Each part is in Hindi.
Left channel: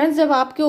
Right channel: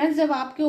फ्रेंड्स, जब आपके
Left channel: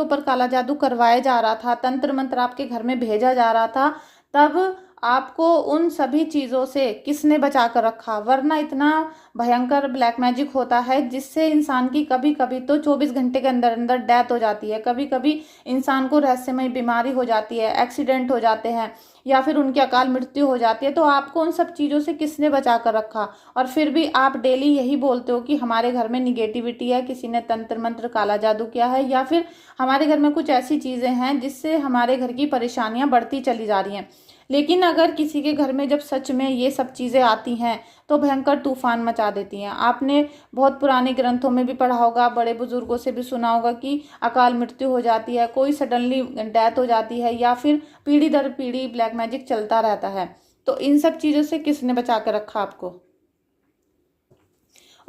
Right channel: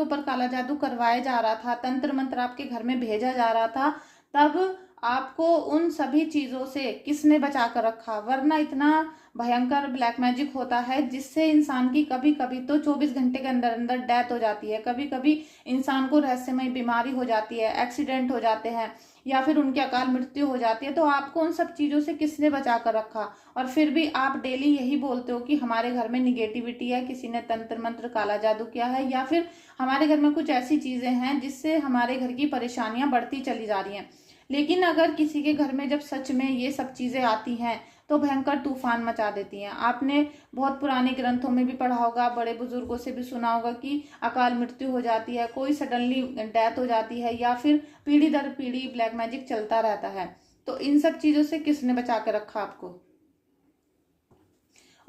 ऊपर काला जादू करवाया जा रहा था, तंत्र मंत्र आपके घर में भेजा जा रहा था, तब आपको उन सभी चीज़ों से किसने बचा कर रखा? वरना इतना भयंकर ब्लैक मैजिक होता है जिससे इंसान की कभी कभी तो 24 घंटे के अंदर अंदर डेथ हो जाती है, कभी कभी इंसान को रहस्यमय बीमारी हो जाती है, एक्सीडेंट हो जाते हैं, या फिर उनकी अकाल मृत्यु हो जाती है। तो आपको उन सब चीज़ों से किसने बचा कर रखा? और फिर भी आप डेली यही बोलते हो कि हमारे घर में निगेटिविटी है, किसी ने तंत्र मंत्र काला जादू किया है, या फिर हमारे घर में कुछ ऐसी चीज़ें हैं जिससे हमारे घर की परेशानियां बढ़ती चली जा रही हैं। लेकिन अगर किसी के घर में जब सच में ये सब चीज़ें आती हैं तो भयंकर तूफान मचा देती हैं। आपने बहुत पुराने ग्रंथों में भी पढ़ा होगा, बड़े बुजुर्गों से भी सुना होगा कि अकाल मृत्यु हो जाती है, कोई सडनली डेथ हो जाती है, या फिर पीढ़ी दर पीढ़ी ब्लैक मैजिक चलता रहता है। तो इन सब चीज़ों से किसने बचा कर रखा आपको?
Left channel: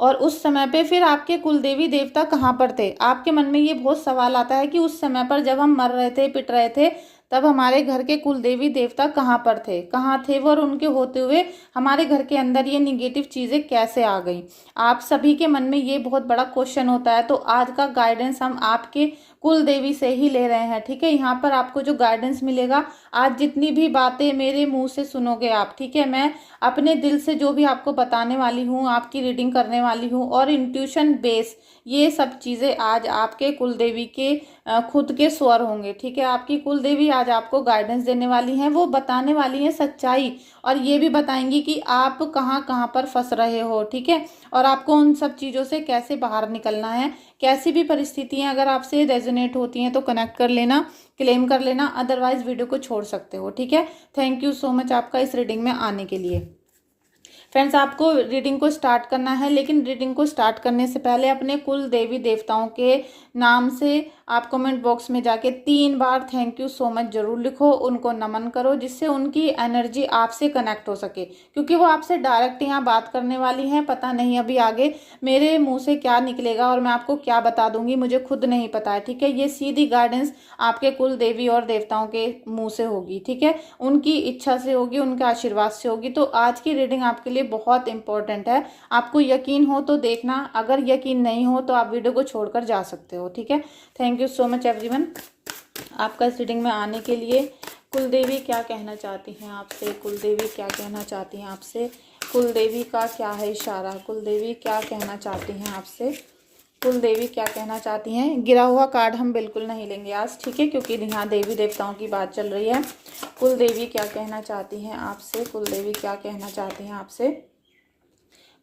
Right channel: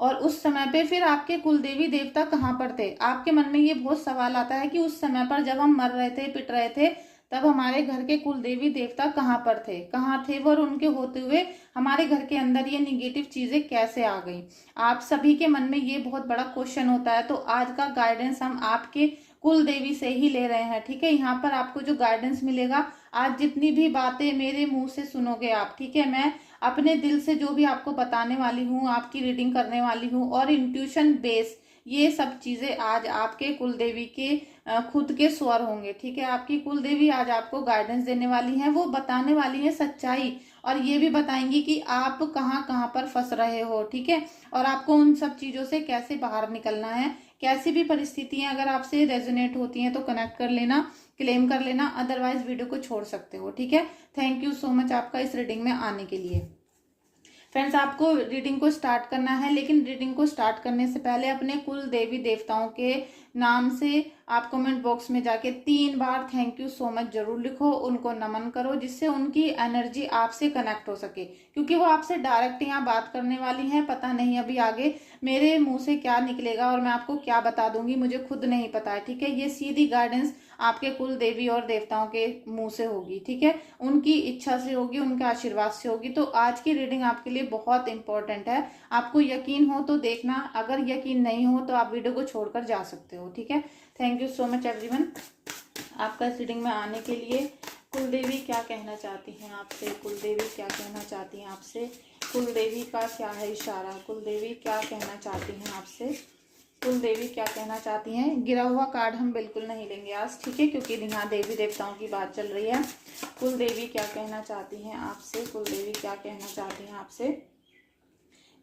और उस समय पे फिर आपके कुल देवी देवता कहाँ पर थे? आपके मन में ये बहुत सवाल आता है कि उस समय पर जब हम मर रहे थे, पिट रहे थे, तब हमारे घर के कुल देवी देवता कहाँ पर थे, कहाँ थे वो? और उनके होते हुए हमारे घर के अंदर ये निगेटिव चीज़ें कैसे आ गई? आप सभी के मन में ये बहुत बड़ा क्वेश्चन होता है। तो आज का गाइडेंस हम आपके कुल देवी से ही ले रहे हैं, ठीक है। यहाँ पर आपको जो गाइडेंस मिलेगा, आज जितनी भी बातें मेरे मुंह से सुनोगे आप, ठीक है, मैं अपने दिल से जो भी आपको बताने वाली हूँ, आपकी रीडिंग करने वाली हूँ, और इंट्यूशन बेस, ये सब चीज़ें आज आपके कुल देवी के खुद के स्वर होंगे, ठीक है। आपकी कुल देवी आज आपको गाइडेंस देने वाली हैं, वो बताने वाली हैं सच्चाई, और ये भी बताएंगी कि आप कहाँ कहाँ पर फंस रहे हो, ठीक है, और आपको उन सब चीज़ों से कैसे बाहर निकलना है। कैसी भी परिस्थितियां अगर आपसे रेजोनेट होती हैं तो कनेक्ट कर लेना, क्लेम कर लेना, अदरवाइज वीडियो को छोड़ सकते हो, ठीक है। थैंक यू सो मच आपका इस रीडिंग में आने के लिए। फ्रेंड्स, आपको रीडिंग को स्टार्ट करना है, लेकिन रीडिंग को स्टार्ट करने से पहले अपने कुल देवी देवताओं के नाम से आप कमेंट बॉक्स में जाके 3 बार थैंक यू सो मच जरूर लिखो, उनको नमन करो, जिससे उनकी एनर्जी आपसे कनेक्ट हो सके, क्योंकि वो आपसे डायरेक्ट यहाँ बात करने वाली हैं। पता नहीं अभी आगे मेरे मुंह से क्या निकलेगा और मैं आपको क्या बता दूंगी, मुझे खुद नहीं पता है, ठीक है। ये सीधी गाइडेंस आपके कुल देवी और देवताओं के मुंह से होगी, ठीक है, उनकी इच्छा से होगी, उनके आशीर्वाद से होगी। तो आज की रीडिंग आपके लिए बहुत इंपॉर्टेंट है। आपको यकीन हो तो देखना, अगर यकीन नहीं हो तो आप वीडियो को छोड़कर जा सकते हो, ठीक है। Thank you so much everyone आपका इस रीडिंग में आने के लिए। कुल देवी क्या कहना चाहती हैं आपसे? कुल देवी क्या कहना चाहती हैं आपसे? कुल देवी का क्या है इशारा? कुल देवी क्या कहना चाहती हैं आपसे? कुल देवी क्या कहना चाहती हैं? गिरा हुआ कार्ड हम बिल्कुल नहीं लेंगे आज, ठीक है, क्योंकि यहाँ देवी देवताओं की बात चल रही है। कुल देवी क्या कहना चाहती हैं आपसे? कुल देवी क्या कहना चाहती हैं आपसे?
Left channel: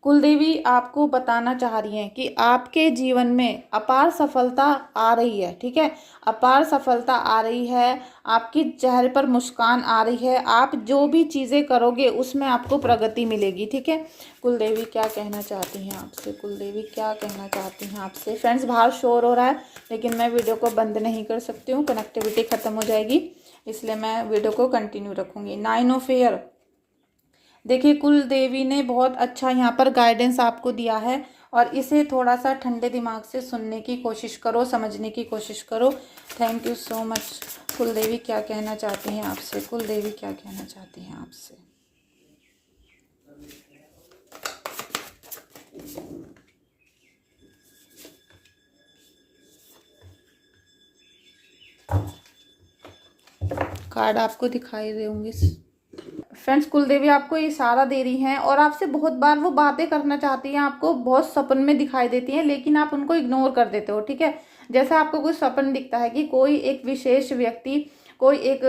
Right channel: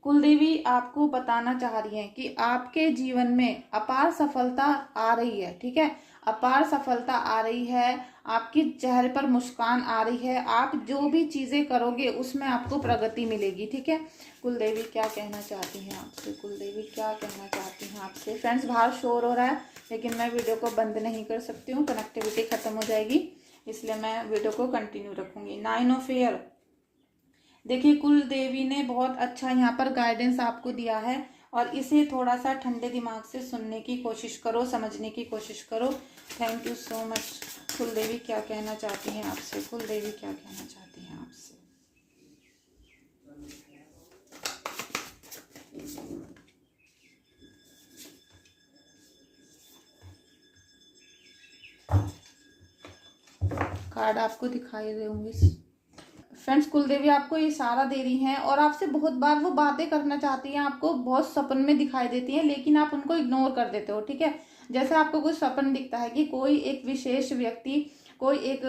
कुल देवी आपको बताना चाह रही हैं कि आपके जीवन में अपार सफलता आ रही है, ठीक है, अपार सफलता आ रही है, आपकी चेहरे पर मुस्कान आ रही है, आप जो भी चीज़ें करोगे उसमें आपको प्रगति मिलेगी, ठीक है। कुल देवी क्या कहना चाहती हैं आपसे? कुल देवी क्या कहना चाहती हैं आपसे? फ्रेंड्स, बाहर शोर हो रहा है, लेकिन मैं वीडियो को बंद नहीं कर सकती हूँ, कनेक्टिविटी ख़त्म हो जाएगी, इसलिए मैं वीडियो को कंटिन्यू रखूँगी। 9 ऑफ एयर, देखिए कुल देवी ने बहुत अच्छा यहाँ पर गाइडेंस आपको दिया है, और इसे थोड़ा सा ठंडे दिमाग से सुनने की कोशिश करो, समझने की कोशिश करो। Thank you so much. कुल देवी क्या कहना चाहती हैं आपसे? कुल देवी क्या कहना चाहती हैं आपसे? कार्ड आपको दिखाई दे होंगे फ्रेंड्स। कुलदेवी आपको इशारा दे रही हैं, और आपसे बहुत बार वो बातें करना चाहती हैं, आपको बहुत सपन में दिखाई देती हैं, लेकिन आप उनको इग्नोर कर देते हो, ठीक है। जैसे आपको कोई सपन दिखता है कि कोई एक विशेष व्यक्ति, कोई एक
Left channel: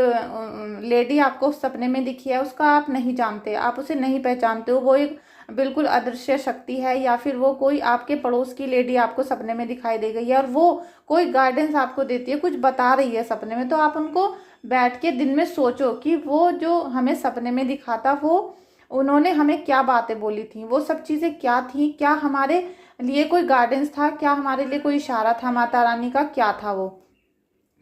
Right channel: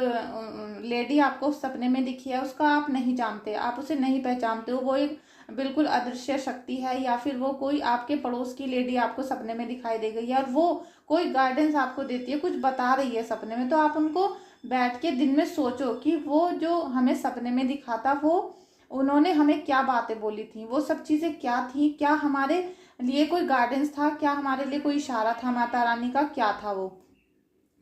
लेडी आपको सपने में दिखी है, उसका आप नहीं जानते, आप उसे नहीं पहचानते हो, वो एक बिल्कुल अदृश्य शक्ति है, या फिर वो कोई आपके पड़ोस की लेडी आपको सपने में दिखाई दे गई है, और वो कोई गाइडेंस आपको देती है, कुछ बता रही है सपने में। तो आप उनको बैठ के दिन में सोचो कि वो जो हमें सपने में दिखाता, वो उन्होंने हमें क्या बातें बोली थी, वो सब चीज़ें क्या थी, क्या हमारे लिए कोई गाइडेंस था, क्या हमारे लिए कोई इशारा था माता रानी का, क्या था वो।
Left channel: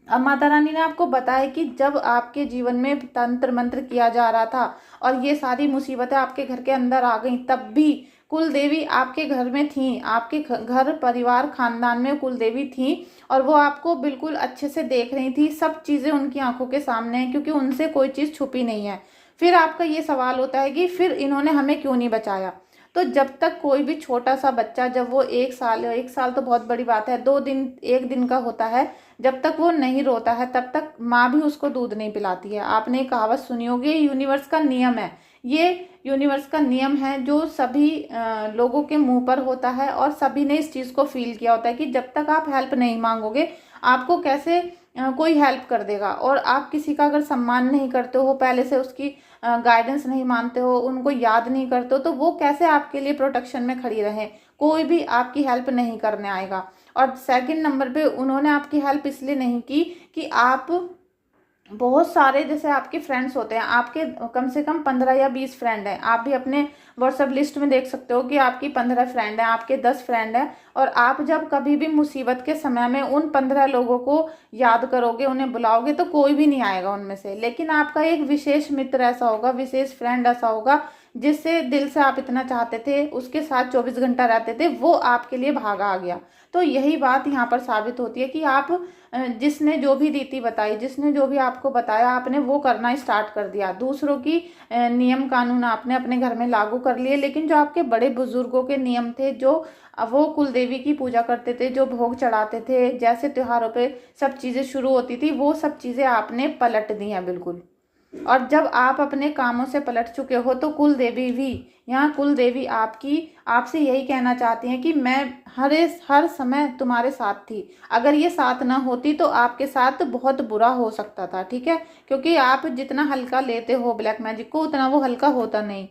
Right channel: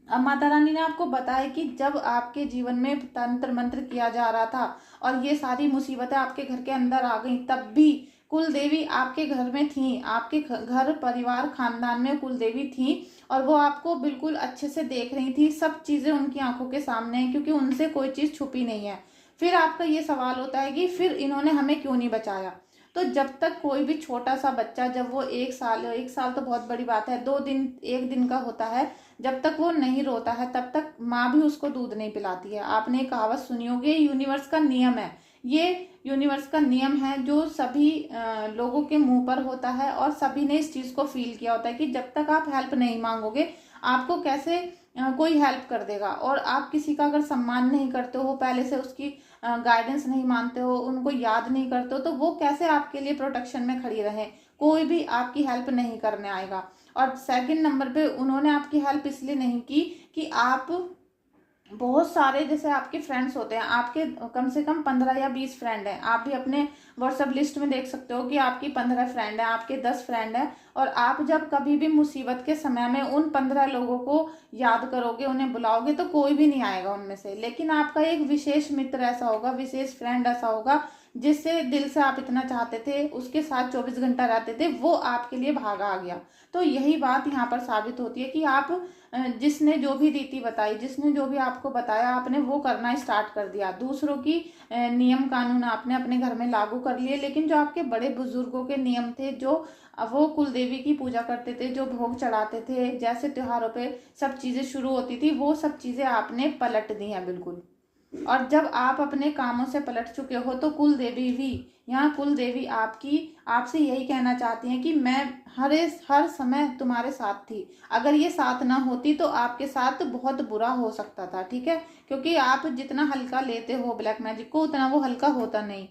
अब माता रानी ने आपको बताया कि जब आपके जीवन में तंत्र मंत्र किया जा रहा था और ये सारी मुसीबतें आपके घर के अंदर आ गई, तब भी कुल देवी आपके घर में थी, आपके घर परिवार खानदान में कुल देवी थी, और वो आपको बिल्कुल अच्छे से देख रही थी। सब चीज़ें उनकी आंखों के सामने हैं, क्योंकि उनसे कोई चीज़ छुपी नहीं है। फिर आपका ये सवाल होता है कि फिर इन्होंने हमें क्यों नहीं बचाया? तो जब तक कोई भी छोटा सा बच्चा, जब वो 1 साल तो बहुत बड़ी बात है, 2 दिन 1 दिन का होता है, जब तक वो नहीं रोता है तब तक माँ भी उसको दूध नहीं पिलाती है। आपने एक कहावत सुनी होगी, यूनिवर्स का नियम है, ये यूनिवर्स का नियम है जो सभी लोगों के मुंह पर होता है और सभी ने इस चीज को फील किया होता है कि जब तक आप हेल्प नहीं मांगोगे आपको कैसे कोई हेल्प कर देगा। और आप किसी का अगर सम्मान नहीं करते हो, पहले से उसकी गाइडेंस नहीं मानते हो, उनको याद नहीं करते हो, तो वो कैसे आपके लिए प्रोटेक्शन में खड़ी रहे, कोई भी आपकी हेल्प नहीं करने आएगा। और सेकंड नंबर पे उन्होंने आपकी हेल्प इसलिए नहीं की कि आप बहुत सारे, जैसे आपके फ्रेंड्स होते हैं, आपके कम से कम 15 या 20 फ्रेंड हैं, आप भी अपने व्हाट्सएप लिस्ट में देख सकते हो कि आपकी 15 फ्रेंड हैं, आपके 10 फ्रेंड हैं, और आप जब कभी भी मुसीबत के समय में उन 15 लोगों को याद करोगे, उन्हें बुलाओगे, तो कोई भी नहीं आएगा उनमें से। लेकिन आपका एक विशेष मित्र ऐसा होगा, विशेष फ्रेंड ऐसा होगा जिससे दिल से आप इतना चाहते थे, उसके साथ 24 घंटा रहते थे, वो आपके लिए भागा आ गया। तो यही बात यहाँ पर साबित होती है कि आप जिसने जो भी रीति बताई, जिसने जो भी आपको बताया, आपने वो करना स्टार्ट कर दिया, दूसरों की नियम कानून आपने अपने घर में लागू कर लिए। लेकिन जो आपके बड़े बुजुर्गों के नियम थे, जो वो कुल देवी की पूजा करते थे, जो भोग चढ़ाते थे, जैसे त्योहारों पे सब चीजें शुरू होती थी, वो सब चीजें आपने पलट दी हैं बिल्कुल। और जब आप अपने कामों से पलट चुके हो तो कुल देवी भी, यहाँ कुल देवी आपसे यही कहना चाहती हैं कि मैं हर समय तुम्हारे साथ थी। अगर ये साथ ना होती तो आपके साथ बहुत बुरा हो सकता था, ठीक है, क्योंकि आप जितना हल्का लेते हो ब्लैक मैजिक को, उतना वो हल्का होता नहीं।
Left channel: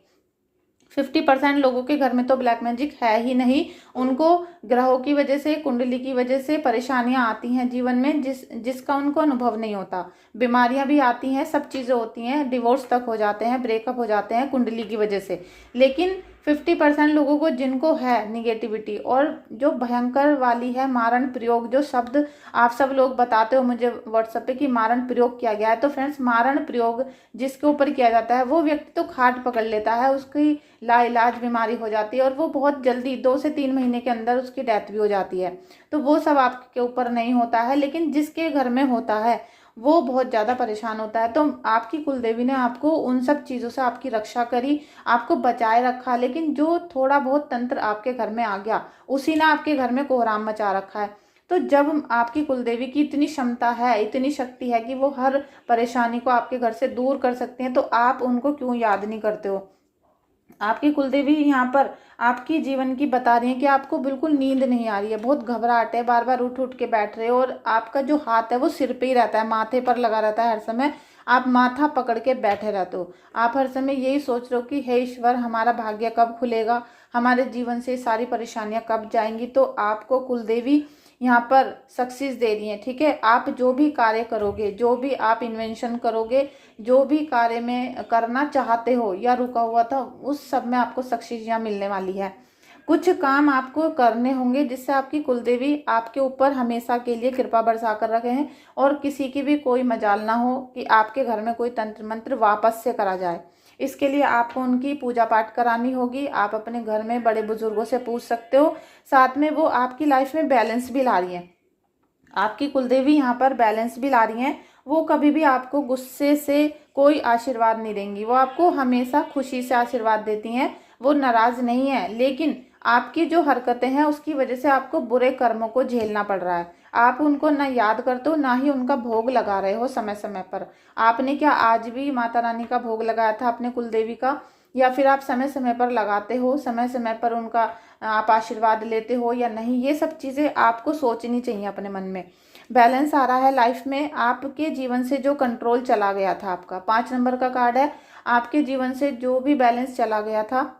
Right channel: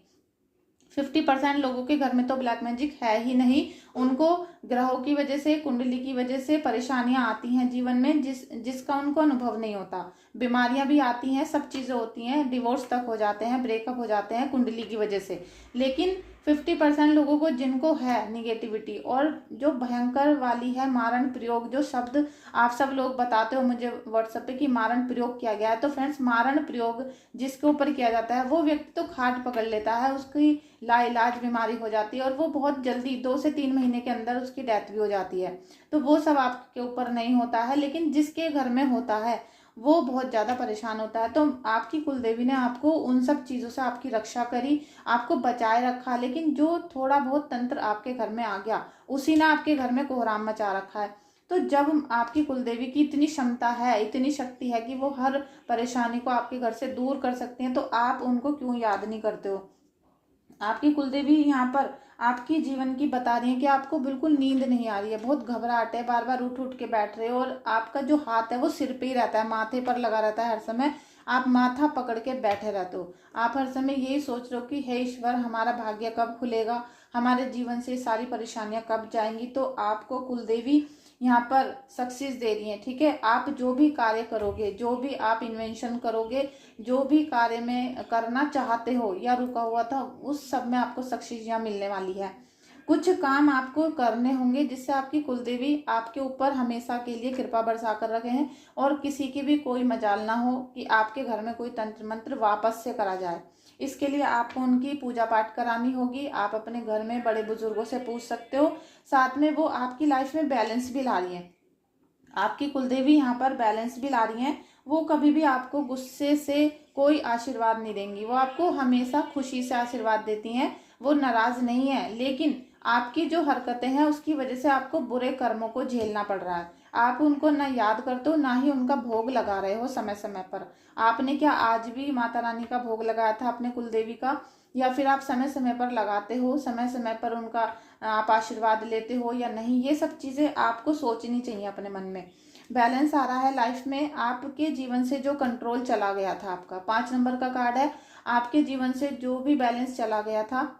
50% लोगों के घर में तो ब्लैक मैजिक है ही नहीं, उनको ग्रहों की वजह से, कुंडली की वजह से परेशानियां आती हैं जीवन में, जिसका उनको अनुभव नहीं होता। बीमारियां भी आती हैं, सब चीजें होती हैं, डिवोर्स तक हो जाते हैं, ब्रेकअप हो जाते हैं कुंडली की वजह से। लेकिन 50% लोगों को जिनको है निगेटिविटी, और जो भयंकर वाली है मारण प्रयोग, जो शब्द आप सब लोग बताते हो मुझे व्हाट्सएप पे कि मारण प्रयोग किया गया है, तो फ्रेंड्स मारण प्रयोग जिसके ऊपर किया जाता है वो व्यक्ति तो खाट पकड़ लेता है, उसकी लाइलाज बीमारी हो जाती है और वो बहुत जल्दी 2 से 3 महीने के अंदर उसकी डेथ भी हो जाती है। तो वो सब आपके ऊपर नहीं होता है, लेकिन जिसके घर में होता है वो बहुत ज्यादा परेशान होता है। तो आपकी कुलदेवी ने आपको उन सब चीजों से आपकी रक्षा करी, आपको बचाए रखा। लेकिन जो थोड़ा बहुत तंत्र आपके घर में आ गया, उसी ने आपके घर में कोहराम मचा रखा है। तो जब आपकी कुलदेवी की इतनी क्षमता है, इतनी शक्ति है कि वो हर परेशानी को आपके घर से दूर कर सकते हैं, तो आप उनको क्यों याद नहीं करते हो। आपकी कुलदेवी यहाँ पर आपकी जीवन की बता रही है कि आपको बिल्कुल नींद नहीं आ रही है, बहुत घबराहट है, बार बार उठ उठ के बैठ रहे हो, और आपका जो हाथ है वो सिर पे ही रहता है, माथे पर लगा रहता है हर समय, आप माथा पकड़ के बैठे रहते हो। आप हर समय यही सोच रहे हो कि हे ईश्वर, हमारा भाग्य कब खुलेगा, हमारे जीवन से सारी परेशानियां कब जाएंगी। तो आपको कुलदेवी यहाँ पर सक्सेस दे रही है, ठीक है। आप जो भी कार्य करोगे, जो भी आप इन्वेंशन करोगे, जो भी कार्य में करना चाहते हो या रुका हुआ था, उस सब में आपको सक्सेस यहाँ मिलने वाली है। कुछ काम आपको करने होंगे जिससे आपकी कुलदेवी आपके ऊपर हमेशा के लिए कृपा बरसा कर रखे हैं, और किसी की भी कोई मजाल ना हो कि आपके घर में कोई तंत्र मंत्र वापस से करा जाए। इसके लिए आपको उनकी पूजा पाठ करानी होगी। आप अपने घर में बड़े बुजुर्गों से पूछ सकते हो। साथ में वो आपकी लाइफ में बैलेंस भी ला रही है, आपकी कुलदेवी यहाँ पर बैलेंस भी ला रही हैं। वो कभी भी आपको गुस्से से कोई आशीर्वाद नहीं देंगी, वो आपको हमेशा खुशी से आशीर्वाद देती हैं, वो नाराज नहीं है। लेकिन आपकी जो हरकतें हैं उसकी वजह से आपको बुरे कर्मों को झेलना पड़ रहा है। आप उनको ना याद करते हो, ना ही उनका भोग लगा रहे हो समय समय पर। आपने क्या आज भी माता रानी का भोग लगाया था अपने कुलदेवी का, या फिर आप समय समय पर लगाते हो, समय समय पर उनका आप आशीर्वाद लेते हो या नहीं, ये सब चीजें आपको सोचनी चाहिए अपने मन में। बैलेंस आ रहा है लाइफ में, आपके जीवन से जो कंट्रोल चला गया था, आपका 5 नंबर का कार्ड है, आपके जीवन से जो भी बैलेंस चला गया था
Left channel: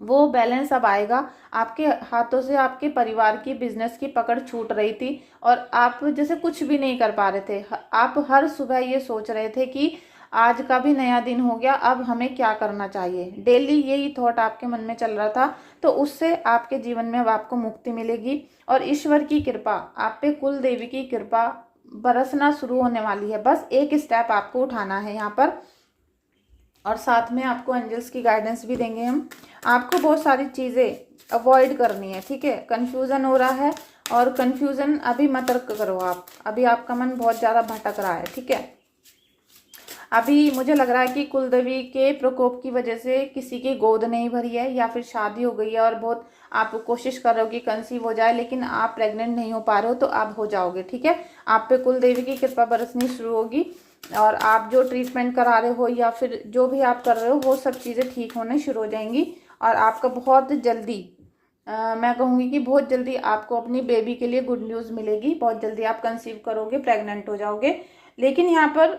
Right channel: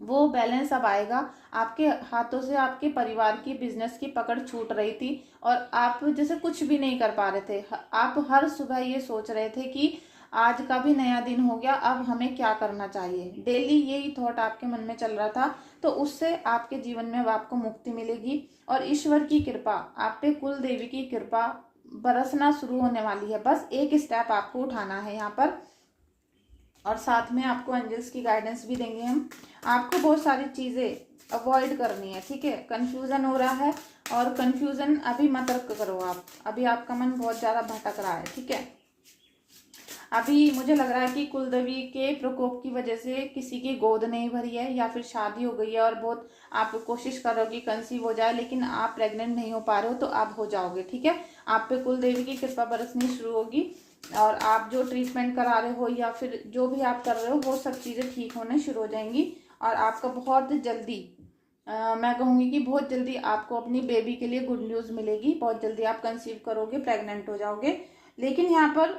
वो बैलेंस अब आएगा। आपके हाथों से आपके परिवार की, बिजनेस की पकड़ छूट रही थी और आप जैसे कुछ भी नहीं कर पा रहे थे। आप हर सुबह ये सोच रहे थे कि आज का भी नया दिन हो गया, अब हमें क्या करना चाहिए, डेली यही थॉट आपके मन में चल रहा था। तो उससे आपके जीवन में अब आपको मुक्ति मिलेगी, और ईश्वर की कृपा, आप पे कुल देवी की कृपा बरसना शुरू होने वाली है। बस एक स्टेप आपको उठाना है यहाँ पर, और साथ में आपको एंजल्स की गाइडेंस भी देंगे हम। आपको बहुत सारी चीज़ें अवॉइड करनी है, ठीक है। कंफ्यूजन हो रहा है, और कंफ्यूजन अभी मत करो आप, अभी आपका मन बहुत ज़्यादा भटक रहा है, ठीक है। अभी मुझे लग रहा है कि कुलदेवी के प्रकोप की वजह से किसी की गोद नहीं भरी है, या फिर शादी हो गई है और बहुत आप कोशिश कर रहे हो कि कंसीव हो जाए, लेकिन आप प्रेग्नेंट नहीं हो पा रहे हो, तो आप हो जाओगे। ठीक है, आप पे कुलदेवी की कृपा बरसनी शुरू होगी, और आप जो ट्रीटमेंट करा रहे हो या फिर जो भी आप कर रहे हो वो सब चीज़ें ठीक होने शुरू हो जाएंगी। और आपका बहुत जल्दी मैं कहूँगी कि बहुत जल्दी आपको अपनी बेबी के लिए गुड न्यूज़ मिलेगी। बहुत जल्दी आप कंसीव करोगे, प्रेग्नेंट हो जाओगे। लेकिन यहाँ पर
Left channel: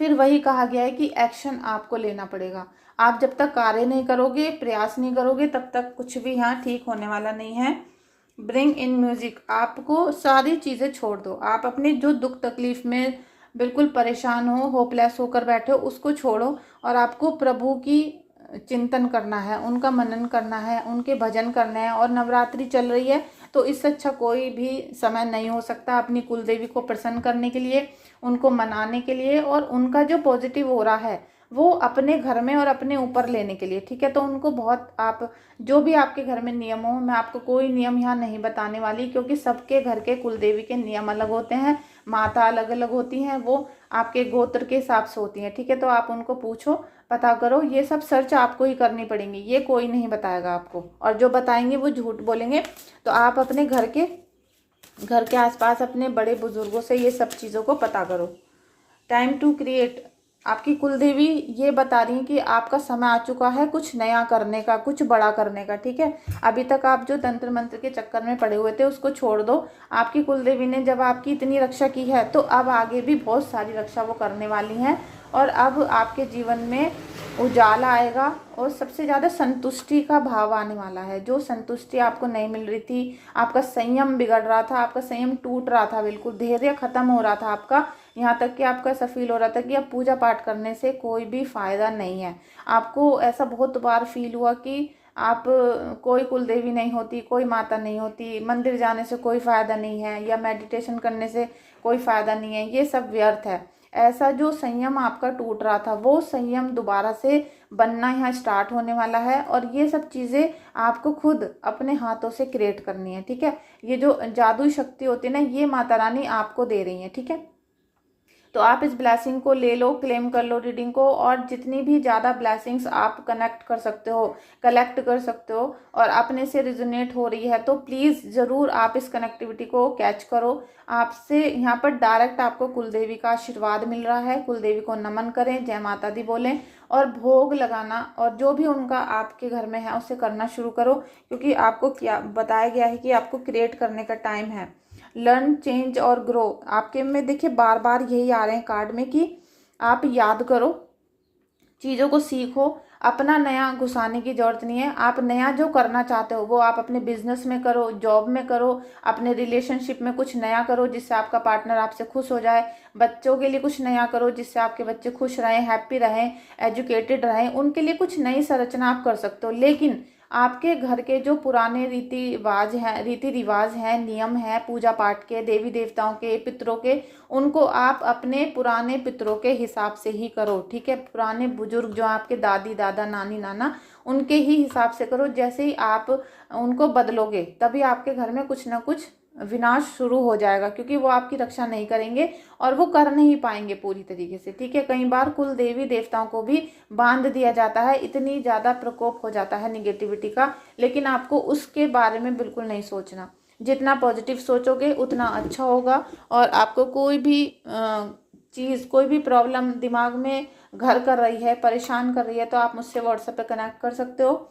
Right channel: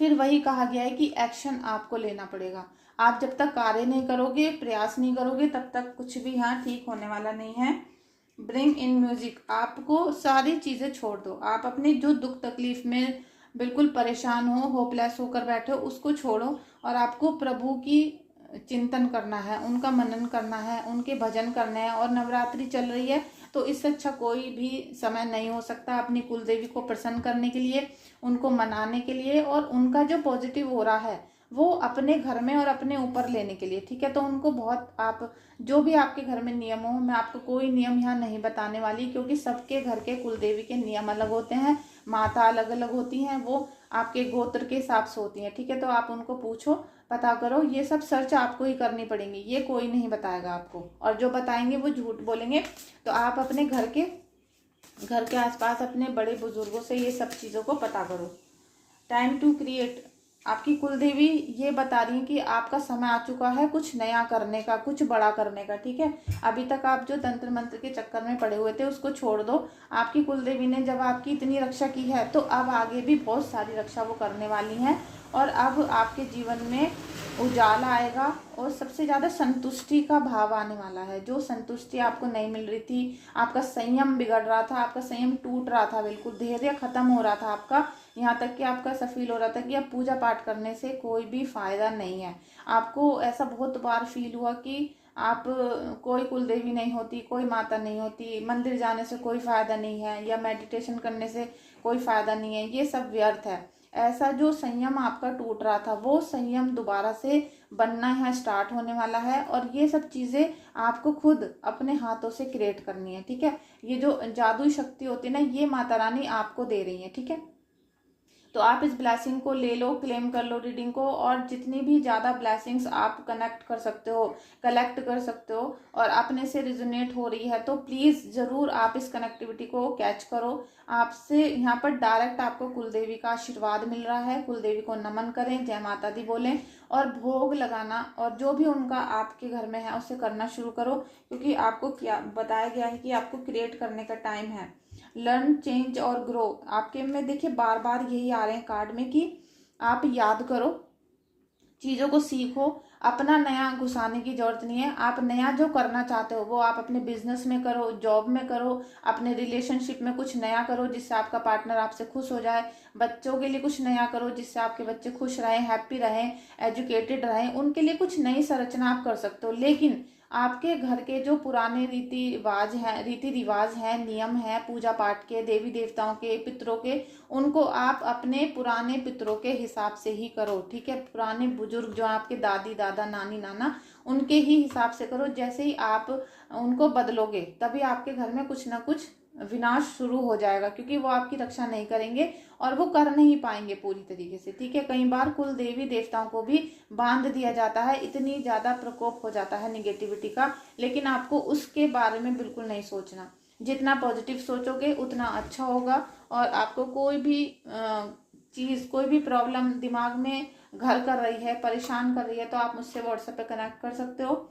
फिर वही कहा गया है कि एक्शन आपको लेना पड़ेगा। आप जब तक कार्य नहीं करोगे, प्रयास नहीं करोगे, तब तक कुछ भी यहाँ ठीक होने वाला नहीं है। ब्रिंग इन म्यूजिक, आपको सारी चीज़ें छोड़ दो। आप अपने जो दुख तकलीफ में बिल्कुल परेशान हो, होपलेस होकर बैठे हो, उसको छोड़ो और आपको प्रभु की चिंतन करना है, उनका मनन करना है, उनके भजन करने हैं। और नवरात्रि चल रही है, तो इससे अच्छा कोई भी समय नहीं हो सकता अपनी कुलदेवी को प्रसन्न करने के लिए, उनको मनाने के लिए, और उनका जो पॉजिटिव हो रहा है वो अपने घर में और अपने ऊपर लेने के लिए। ठीक है, तो उनको बहुत, आप जो भी आपके घर में नियम हो, मैं आपको कोई नियम यहाँ नहीं बताने वाली, क्योंकि सबके घर के कुलदेवी के नियम अलग होते हैं, माता अलग अलग होती हैं, वो आपके गोत्र के हिसाब से होती हैं। ठीक है, तो आप उनको पूछो, पता करो, ये सब सर्च आपको ही करनी पड़ेंगी, ये कोई नहीं बताएगा आपको, और जो बताएंगे वो झूठ बोलेंगे। तो आप अपने घर के आसपास अपने बड़े बुजुर्गों से ये सब चीज़ों को पता करो। टाइम टू क्रिएट, आपकी कुलदेवी ये बता रही है कि आपका समय आ चुका है कुछ नया करने का, कुछ बड़ा करने का। ठीक है, अभी तक आप जो तंत्र मंत्र के चक्कर में पड़े हुए थे उसको छोड़ दो। आपकी कुलदेवी ने जब आपकी इतनी रक्षा की है, तो अब आगे भी बहुत सारी रक्षा वो करने वाली हैं, और अब आपके जीवन में उजाला आएगा, और सबसे ज़्यादा संतुष्टि का भाव आने वाला है। जो संतुष्टि आपको नहीं मिल रही थी, आपका संयम बिगड़ रहा था, आपका संयम टूट रहा था, बिल्कुल धैर्य खत्म हो रहा था आपका, यहाँ तक कि आपको ऐसा फील हो रहा था कि अब पूजा पाठ करने से कोई भी फायदा नहीं है। आपको ऐसा बहुत बार फील हुआ कि आप कोई कुलदेवी नहीं होती, कोई माता नहीं होती, मंदिर जाने से कोई फायदा नहीं है, या मेडिटेशन करने से कोई फायदा नहीं है, ये सब व्यर्थ है। ऐसा जो संयम आपका टूट रहा था, वो संयम दोबारा से बनना यहाँ स्टार्ट होने वाला है, और ये सब चीज़ें आपको खुद अपने हाथों से क्रिएट करनी है। ठीक है, ये जो जादुई शक्ति होती है ना, ये माता रानी आपको दे रही है। ठीक है, तो आप इस ब्लेसिंग को ले लो, क्लेम कर लो रीडिंग को, और जितनी भी ज़्यादा ब्लेसिंग्स आप कनेक्ट कर सकते हो, कलेक्ट कर सकते हो, और अपने से रिजोनेट हो रही है, तो प्लीज़ ज़रूर आप इस कनेक्टिविटी को कैच करो। आपसे यहाँ पर डायरेक्ट आपको कुलदेवी का आशीर्वाद मिल रहा है। कुलदेवी को नमन करें, जय माता दी बोलें, और भोग लगाना और जो भी उनका आपके घर में है उसे करना शुरू करो, क्योंकि आपको क्या बताया गया है कि आपको क्रिएट करने का टाइम है। लर्न, चेंज और ग्रो, आपके में देखिए बार बार यही आ रहे हैं कार्ड में कि आप याद करो, चीज़ों को सीखो, अपना नया घुसाने की जरूरत नहीं है। आप नया जो करना चाहते हो वो आप अपने बिजनेस में करो, जॉब में करो, अपने रिलेशनशिप में कुछ नया करो जिससे आपका पार्टनर आपसे खुश हो जाए, बच्चों के लिए कुछ नया करो जिससे आपके बच्चे खुश रहें, हैप्पी रहें, एजुकेटेड रहें, उनके लिए कुछ नई संरचना आप कर सकते हो। लेकिन आपके घर के जो पुराने रीति रिवाज हैं, नियम हैं पूजा पाठ के, देवी देवताओं के, पितरों के, उनको आप अपने पुराने पितरों के हिसाब से ही करो। ठीक है, पुराने बुजुर्ग जो आपके दादी दादा नानी नाना, उनके ही हिसाब से करो। जैसे ही आप उनको बदलोगे, तभी आपके घर में कुछ ना कुछ विनाश शुरू हो जाएगा, क्योंकि वो आपकी रक्षा नहीं करेंगे और वो कर नहीं पाएंगे पूरी तरीके से। ठीक है, कई बार कुल देवी देवताओं को भी बांध दिया जाता है, इतनी ज़्यादा प्रकोप हो जाता है निगेटिविटी का, लेकिन आपको उसके बारे में बिल्कुल नहीं सोचना। जितना पॉजिटिव सोचोगे उतना अच्छा होगा, और आपको कोई भी चीज़, कोई भी प्रॉब्लम दिमाग में घर कर रही है, परेशान कर रही है, तो आप मुझसे व्हाट्सएप पे कनेक्ट कर सकते हो।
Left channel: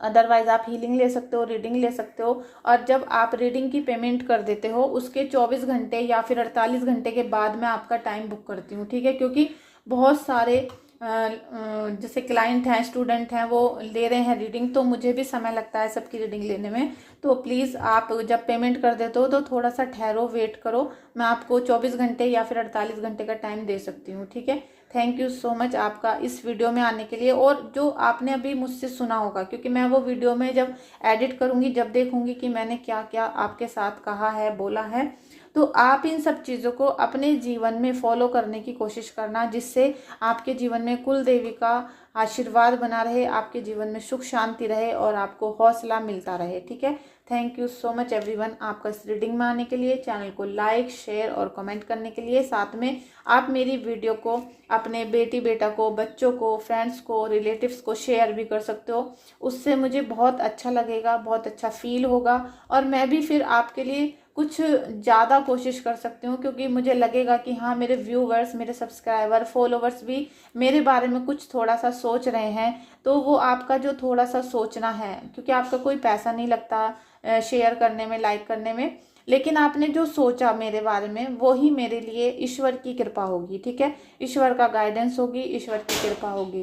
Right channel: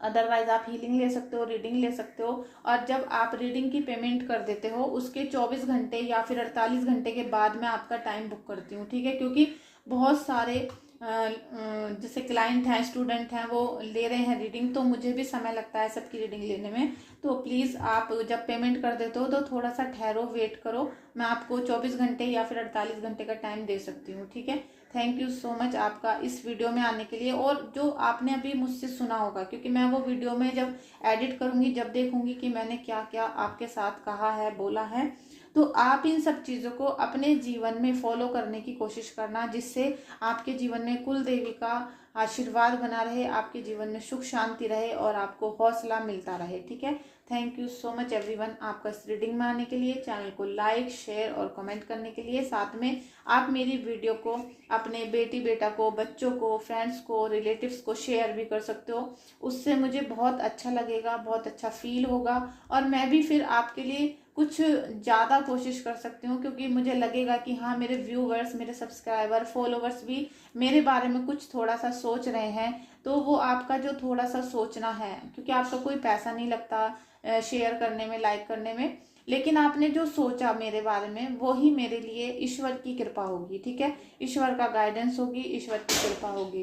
अदरवाइज आप हीलिंग ले सकते हो, रीडिंग ले सकते हो। और जब आप रीडिंग की पेमेंट कर देते हो, उसके 24 घंटे या फिर 48 घंटे के बाद मैं आपका टाइम बुक करती हूँ। ठीक है, क्योंकि बहुत सारे जैसे क्लाइंट हैं, स्टूडेंट हैं, वो ले रहे हैं रीडिंग, तो मुझे भी समय लगता है सबकी रीडिंग लेने में। तो प्लीज़ आप जब पेमेंट कर देते हो तो थोड़ा सा ठहरो, वेट करो, मैं आपको 24 घंटे या फिर 48 घंटे का टाइम दे सकती हूँ। ठीक है, थैंक यू सो मच आपका इस वीडियो में आने के लिए, और जो आपने अभी मुझसे सुना होगा, क्योंकि मैं वो वीडियो में जब एडिट करूँगी, जब देखूँगी कि मैंने क्या क्या आपके साथ कहा है, बोला है, तो आप इन सब चीज़ों को अपने जीवन में फॉलो करने की कोशिश करना, जिससे आपके जीवन में कुल देवी का आशीर्वाद बना रहे, आपके जीवन में सुख शांति रहे और आपको हौसला मिलता रहे। ठीक है, thank you so much everyone आपका इस रीडिंग में आने के लिए, चैनल को लाइक शेयर और कमेंट करने के लिए। साथ में आप मेरी वीडियो को अपने बेटी बेटा को, बच्चों को, फ्रेंड्स को, रिलेटिव्स को शेयर भी कर सकते हो। उससे मुझे बहुत अच्छा लगेगा, बहुत अच्छा फील होगा और मैं भी फिर आपके लिए कुछ ज़्यादा कोशिश कर सकती हूँ, क्योंकि मुझे लगेगा कि हाँ मेरे व्यूवर्स, मेरे सब्सक्राइबर, फॉलोवर्स भी मेरे बारे में कुछ थोड़ा सा सोच रहे हैं। तो वो आपका जो थोड़ा सा सोचना है, क्योंकि आपका कोई पैसा नहीं लगता शेयर करने में, लाइक करने में, लेकिन आपने जो सोचा मेरे बारे में वो ही मेरे लिए ईश्वर की कृपा होगी। ठीक है, ईश्वर का गाइडेंस होगी, ईश्वर की कृपा होगी।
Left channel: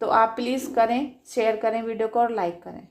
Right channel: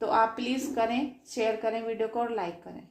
तो आप प्लीज़ करें, शेयर करें वीडियो को और लाइक करें।